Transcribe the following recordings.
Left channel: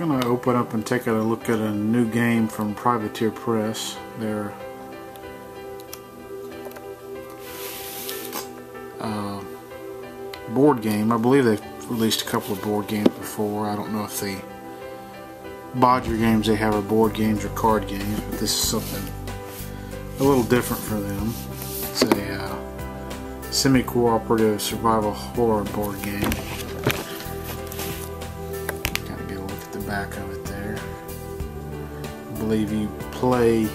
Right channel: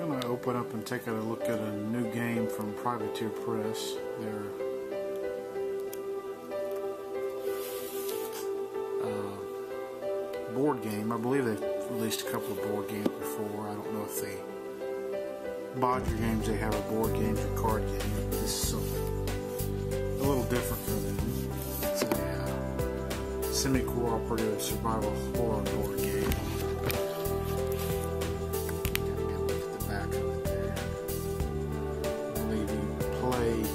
Gonna open up and take a look at a new game from Privateer Press. Their board game. I believe they've released a couple of board games before. I don't know if the Bodger games they have are board games or card games, but this is something a little different for them. It's a semi-cooperative survival horror board game. Gotta get a look at the back of it there. I believe you play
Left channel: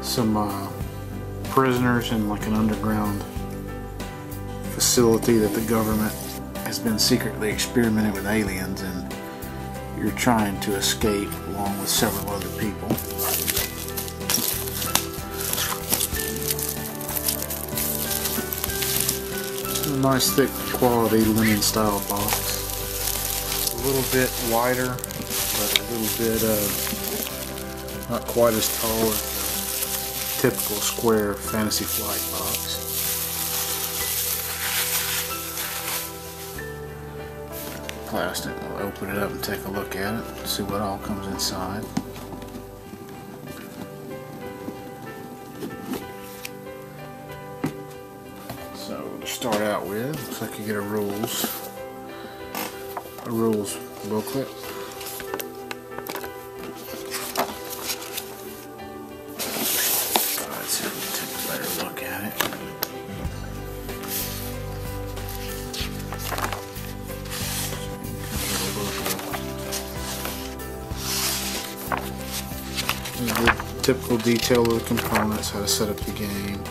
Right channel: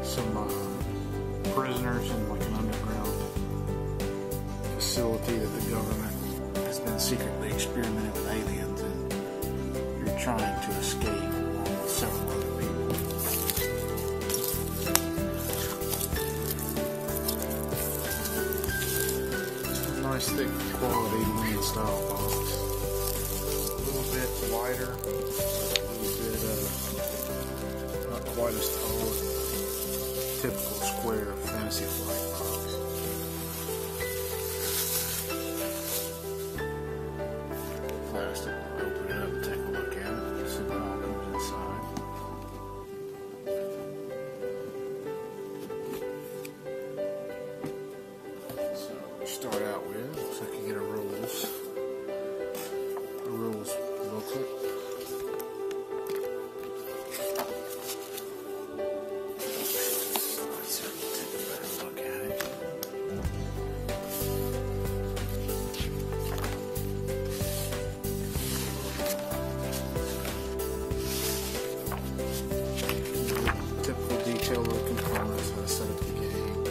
some prisoners in like an underground facility that the government has been secretly experimenting with aliens, and you're trying to escape along with several other people. It's a nice thick quality linen style box. A little bit wider, but a little bit not quite as tall as the typical square Fantasy Flight box. Plastic. We'll open it up and take a look at it, see what all comes inside. So to start out with, looks like you get a rules booklet. Let's see if we can take a better look at it. Typical detail of the components, how to set up the game.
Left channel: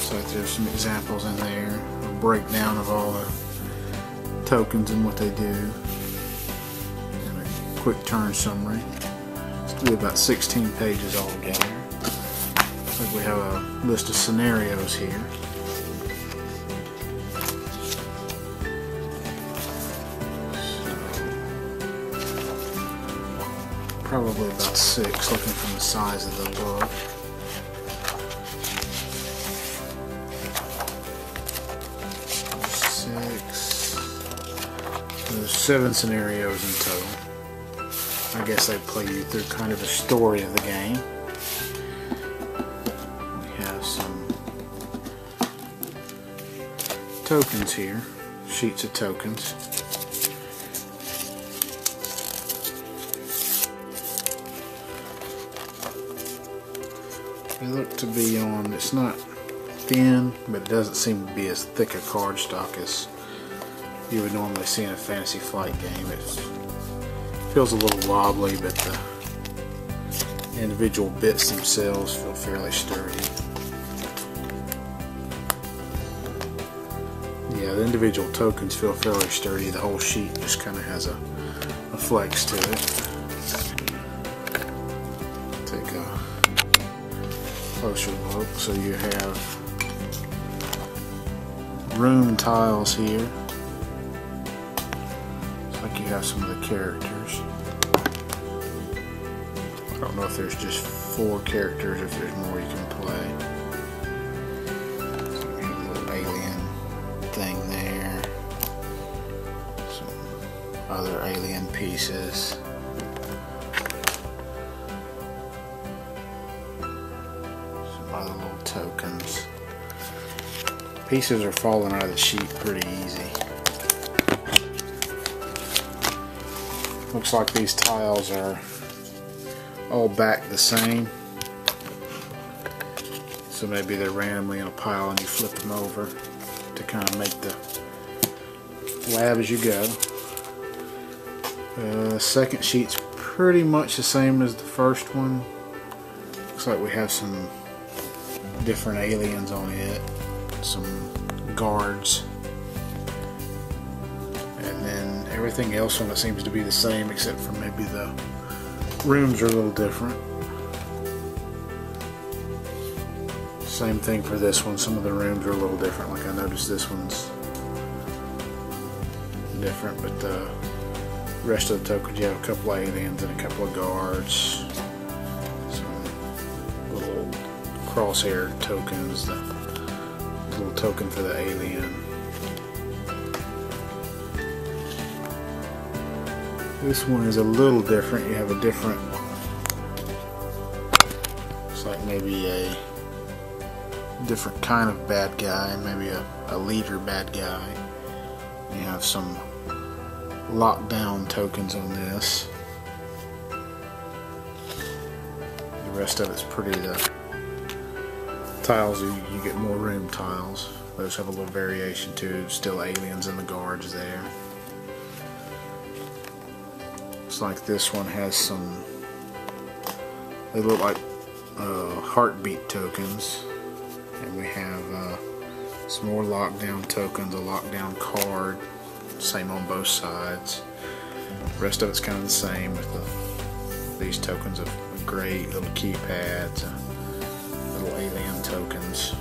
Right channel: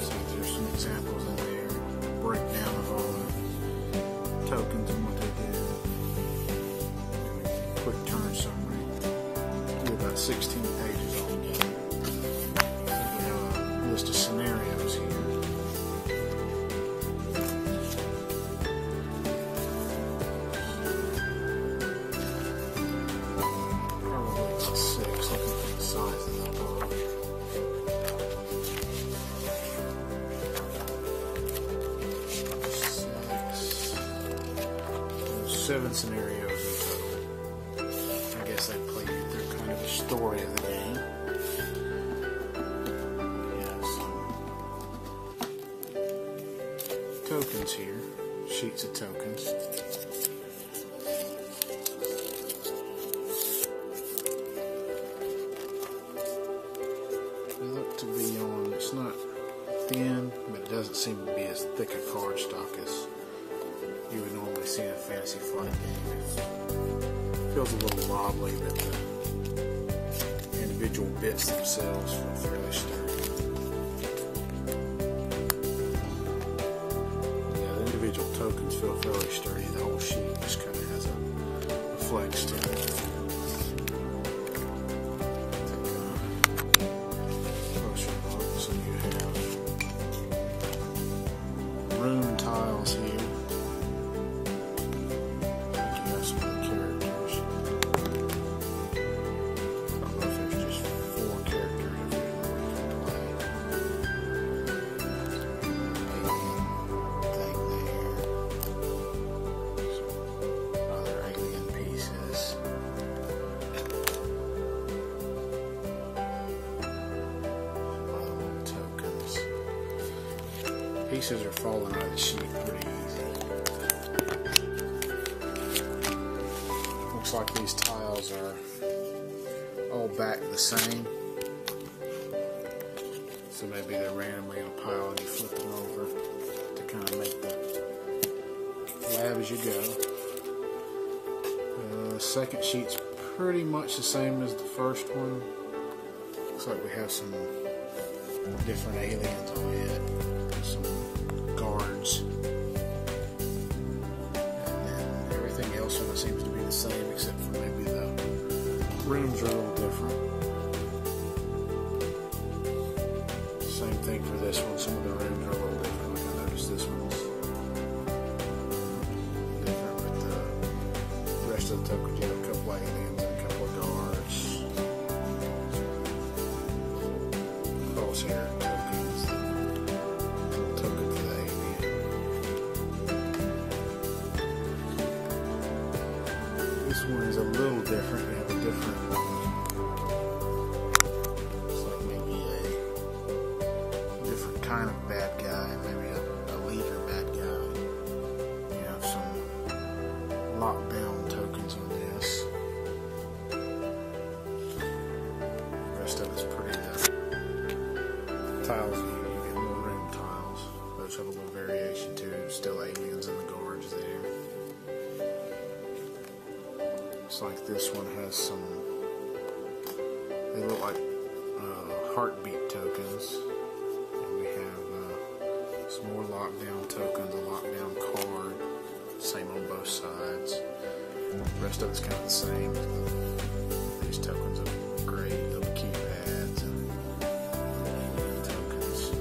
So there's some examples in there, a breakdown of all the tokens and what they do, and a quick turn summary. It's be about 16 pages altogether. Looks like we have a list of scenarios here. Probably about 6, looking from the size of the book. There's 7 scenarios in total. I guess they play you through kind of a story of the game. We have some tokens here, sheets of tokens. They look to be on, it's not thin, but it doesn't seem to be as thick a cardstock as you would normally see in a Fantasy Flight game. It feels a little wobbly, but the individual bits themselves feel fairly sturdy. Yeah, the individual tokens feel fairly sturdy. The whole sheet just kind of has a flex to it. Closer look. So you have room tiles here. Looks like you have some of the characters. I don't know if there's just 4 characters or if there's more you can play. So we have a little alien thing there. Some other alien pieces. Tokens. Pieces are falling out of the sheet pretty easy. Looks like these tiles are all back the same. So maybe they're randomly in a pile and you flip them over to kind of make the lab as you go. The second sheet's pretty much the same as the first one. Looks like we have some different aliens on it, some guards, and then everything else on it seems to be the same except for maybe the rooms are a little different. Same thing for this one, some of the rooms are a little different. Like I noticed this one's different, but the rest of the tokens you have a couple of aliens and a couple of guards. Crosshair tokens, the little token for the alien. This one is a little different. You have a different, it's like maybe a different kind of bad guy, maybe a leader bad guy. You have some lockdown tokens on this. The rest of it's pretty, the tiles, you get more room tiles. Those have a little variation too, still aliens in the guards there. Looks like this one has some, they look like heartbeat tokens. And we have some more lockdown tokens, a lockdown card, same on both sides. The rest of it's kind of the same with these tokens of gray little keypads and little alien tokens.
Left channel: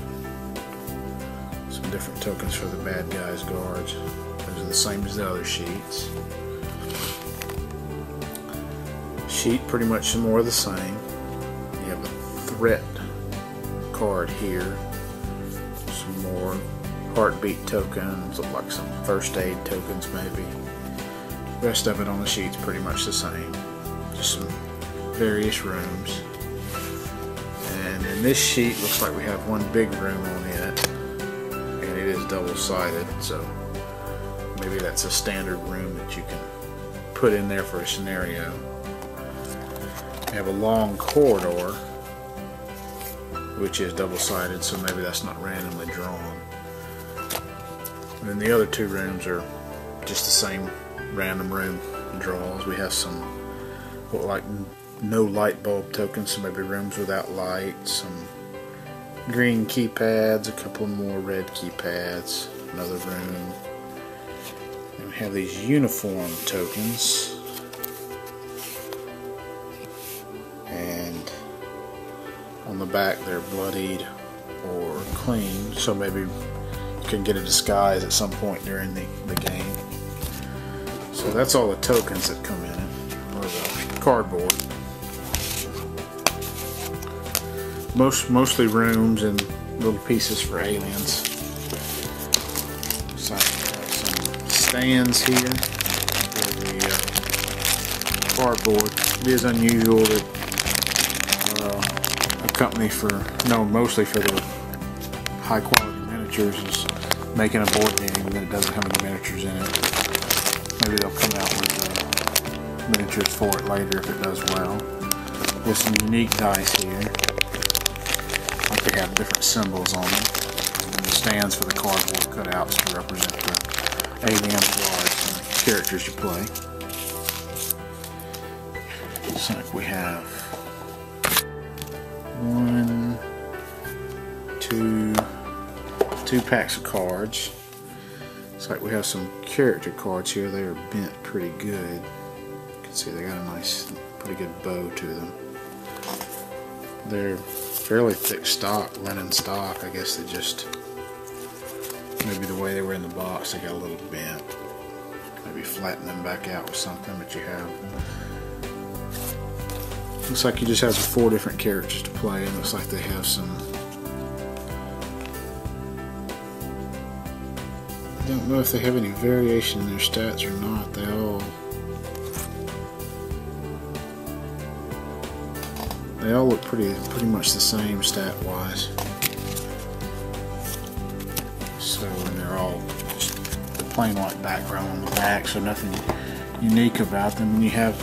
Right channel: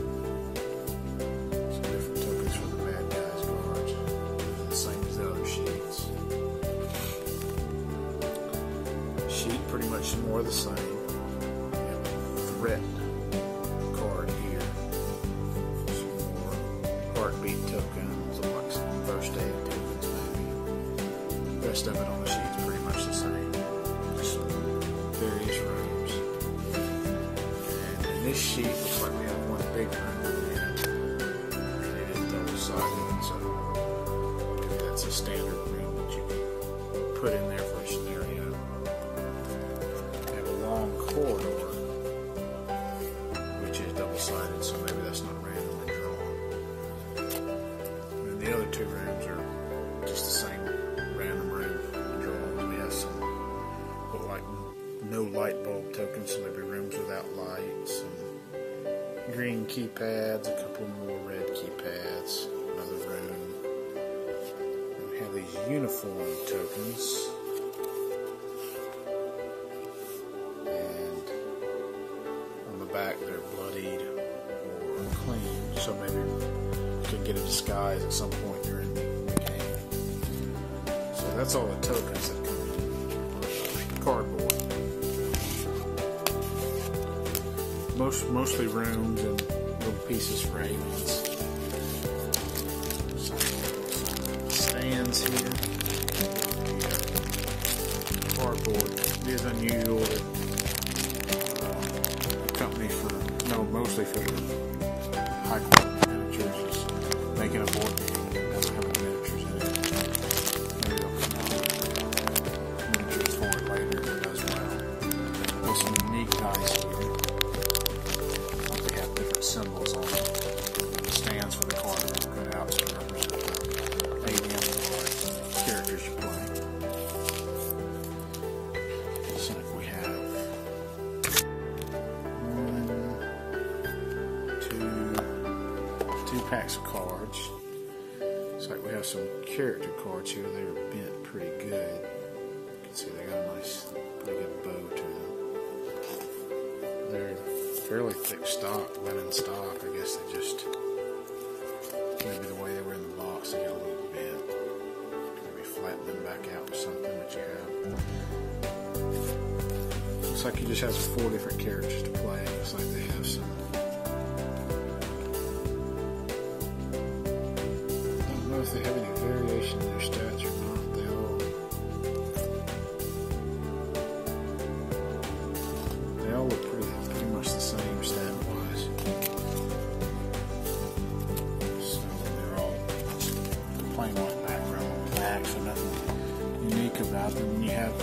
Some different tokens for the bad guys' guards. Those are the same as the other sheets. Sheet pretty much more of the same. You have a threat card here. Some more heartbeat tokens, look like some first aid tokens maybe. The rest of it on the sheet's pretty much the same. Just some various rooms. And in this sheet looks like we have one big room on it. And it is double-sided, so maybe that's a standard room that you can put in there for a scenario. We have a long corridor, which is double-sided, so maybe that's not randomly drawn. And then the other two rooms are just the same random room draws. We have some look like no light bulb tokens, so maybe rooms without light, some green keypads, a couple more red keypads, another room. And we have these uniform tokens. On the back they're bloodied or clean, so maybe you can get a disguise at some point during the game. So that's all the tokens that come in it, or the cardboard. Mostly rooms and little pieces for aliens. Some stands here for the cardboard. It is unusual that company mostly for the high quality miniatures is making a board game that doesn't have any miniatures in it. Maybe they'll come out with miniatures for it later if it does well. There's some unique dice here. Like they have different symbols on them. And the stands for the cardboard cutouts to represent the alien guards and the characters you play. Looks like we have 2 packs of cards. It's like we have some character cards here. They are bent pretty good. You can see they got a nice, pretty good bow to them. They're fairly thick stock, linen stock. I guess they just, maybe the way they were in the box, they got a little bent. Maybe flatten them back out with something, but you have, looks like you just have 4 different characters to play, and looks like they have some, I don't know if they have any variation in their stats or not. They all look pretty much the same stat wise. So, and they're all just the plain white background on the back, so nothing unique about them. And you have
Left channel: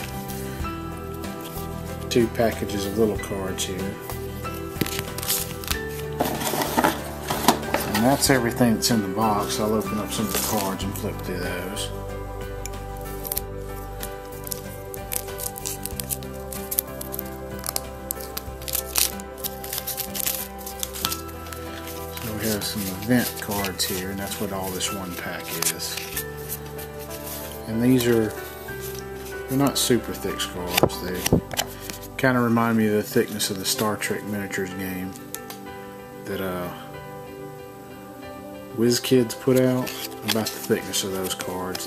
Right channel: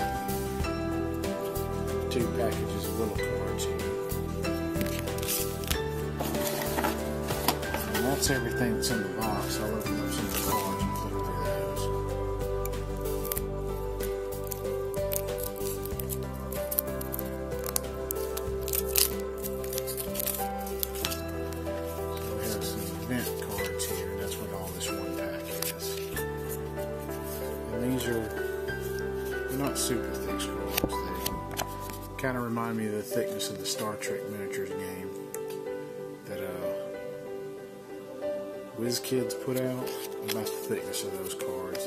2 packages of little cards here. And that's everything that's in the box. I'll open up some of the cards and flip through those. So we have some event cards here, and that's what all this one pack is. And these are, they're not super thick cards. They kind of remind me of the thickness of the Star Trek miniatures game that WizKids put out, about the thickness of those cards.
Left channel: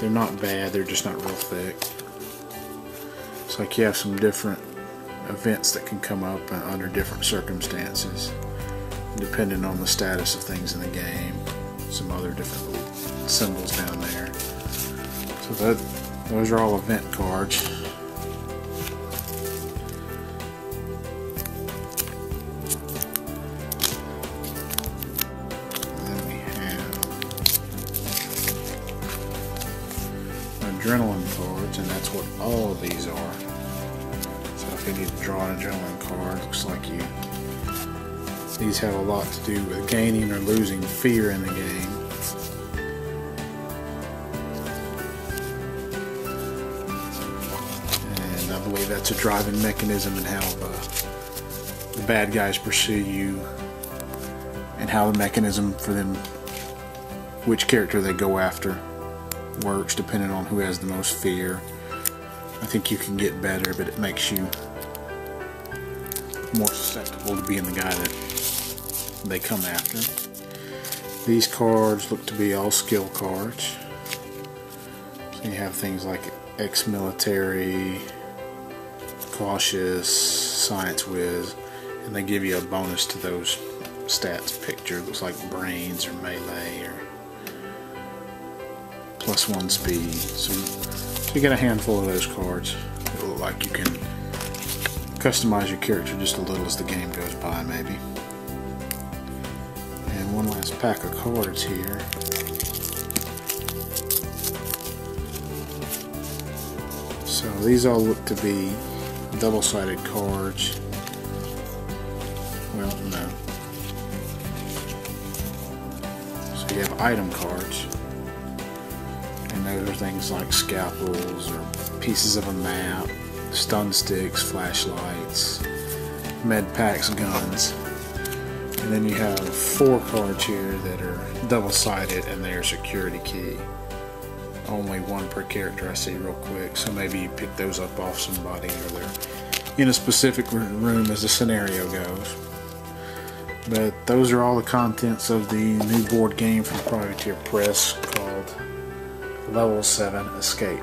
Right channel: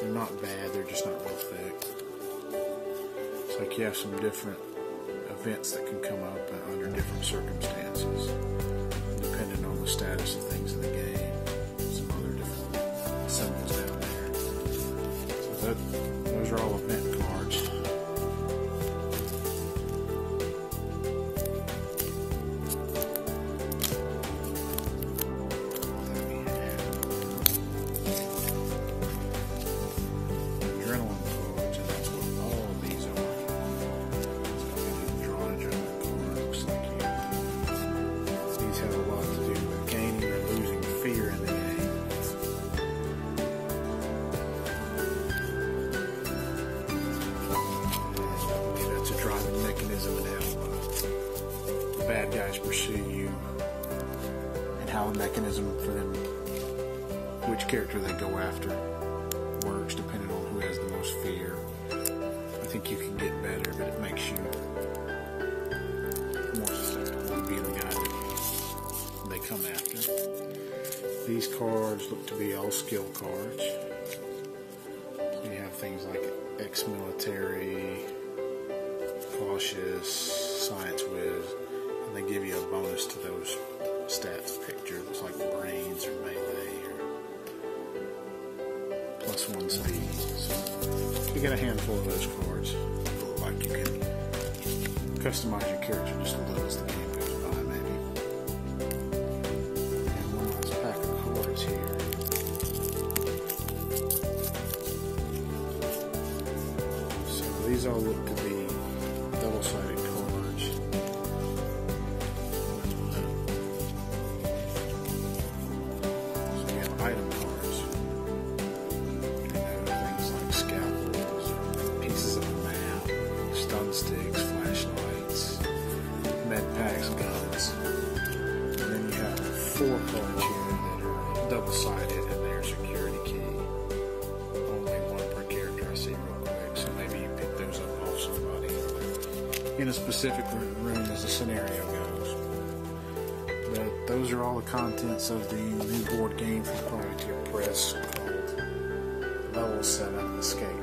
They're not bad, they're just not real thick. It's like you have some different events that can come up under different circumstances, depending on the status of things in the game. Some other different symbols down there. So those are all event cards. Adrenaline cards, and that's what all of these are. So if you need to draw an adrenaline card, looks like these have a lot to do with gaining or losing fear in the game. And I believe that's a driving mechanism in how the bad guys pursue you, and how the mechanism for them, which character they go after, works depending on who has the most fear. I think you can get better, but it makes you more susceptible to being the guy that they come after. These cards look to be all skill cards. So you have things like ex-military, cautious, science whiz, and they give you a bonus to those stats picture. It looks like brains or melee or +1 speed. So you get a handful of those cards. It looks like you can customize your character just a little as the game goes by, maybe. And one last pack of cards here. So these all look to be double-sided cards. Well, no. So you have item cards. Those are things like scalpels or pieces of a map, stun sticks, flashlights, med packs, guns. And then you have 4 cards here that are double-sided, and they're security key. Only 1 per character I see real quick, so maybe you pick those up off somebody, or they're in a specific room as the scenario goes. But those are all the contents of the new board game from Privateer Press called Level 7 Escape.